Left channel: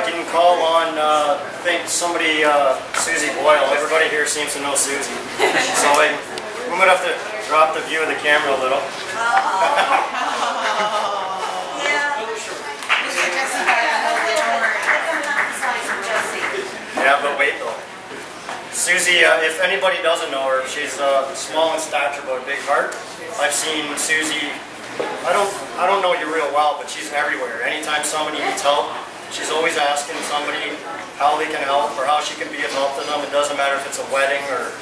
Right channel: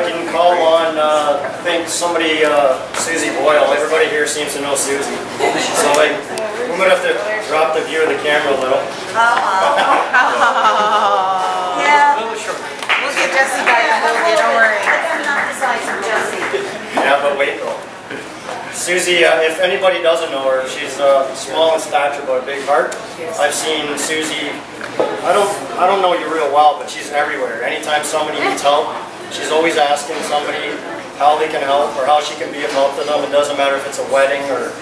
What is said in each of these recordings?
I can call on, I think somebody, Susie Boyle. Everybody here seems to know Susie. So we might have to drop the view of the camera a little. Yeah. Look at Jesse, guys. Don't worry. I'm not the size of Jesse. Yeah, but wait though. Susie, if anybody doesn't know her, she's small in stature but a big heart. I've seen Susie. I don't know you real well, but she's everywhere. Anytime somebody needs help, she's always asking somebody how they can help or how she can be of help to them. It doesn't matter if it's a wedding or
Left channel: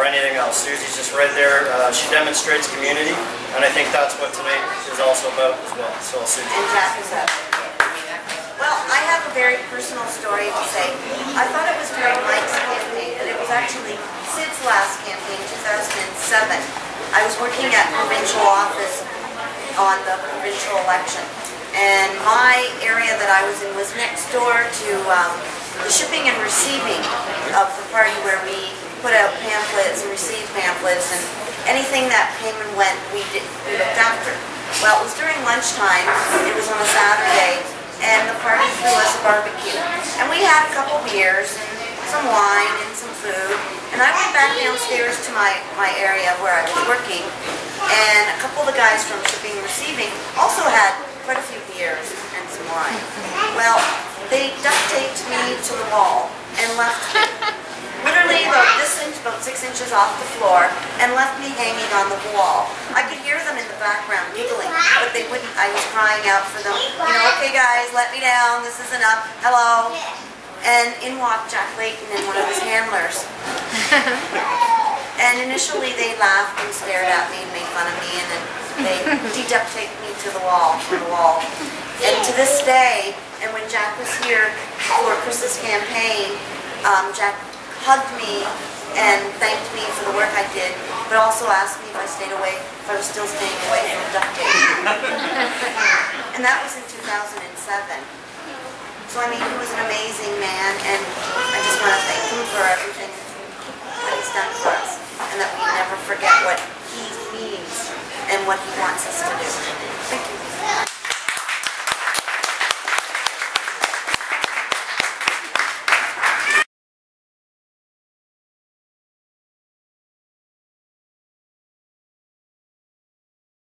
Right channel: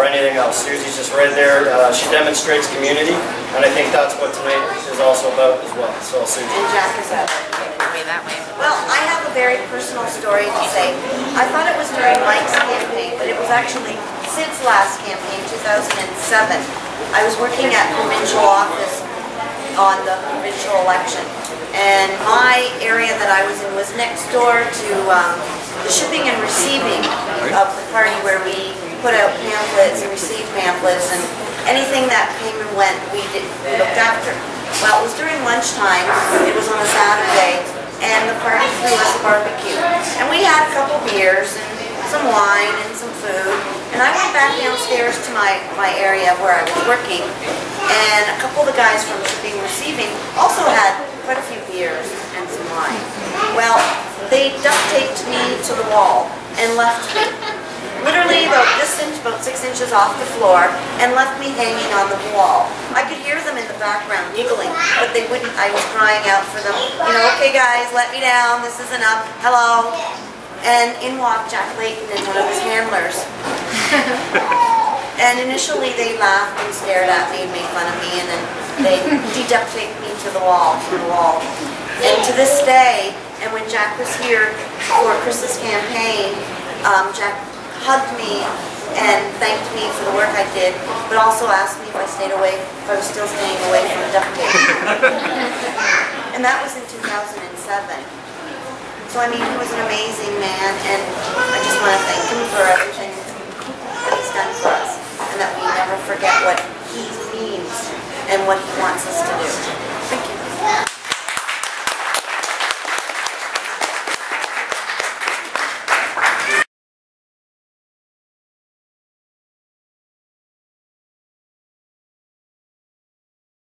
anything else. Susie's just right there. She demonstrates community, and I think that's what tonight is also about as well. So Susie. And Jack is up. Well, I have a very personal story to say. I thought it was during Mike's campaign, but it was actually Sid's last campaign, 2007. I was working at provincial office on the provincial election, and my area that I was in was next door to the shipping and receiving of the party, where we put out pamphlets and received pamphlets, and anything that came and went we looked after. Well, it was during lunchtime, it was on a Saturday, and the party threw us a barbecue, and we had a couple beers and some wine and some food, and I went back downstairs to my area where I was working, and a couple of the guys from shipping and receiving also had quite a few beers and some wine. Well, they duct taped me to the wall and left me literally about this inch, about 6 inches off the floor, and left me hanging on the wall. I could hear them in the background giggling, but they wouldn't. I was crying out for them, you know, okay guys, let me down, this is enough, hello. And in walked Jack Layton and one of his handlers. And initially they laughed and stared at me and made fun of me, and then they de-duct taped me to the wall, And to this day, and when Jack was here for Chris's campaign, Jack hugged me and thanked me for the work I did, but also asked me if I stayed away, if I was still staying away from duct tape. And that was in 2007. So I mean, he was an amazing man, and I just want to thank him for everything that he's done for us, and that we never forget what he means and what he wants us to do. Thank you.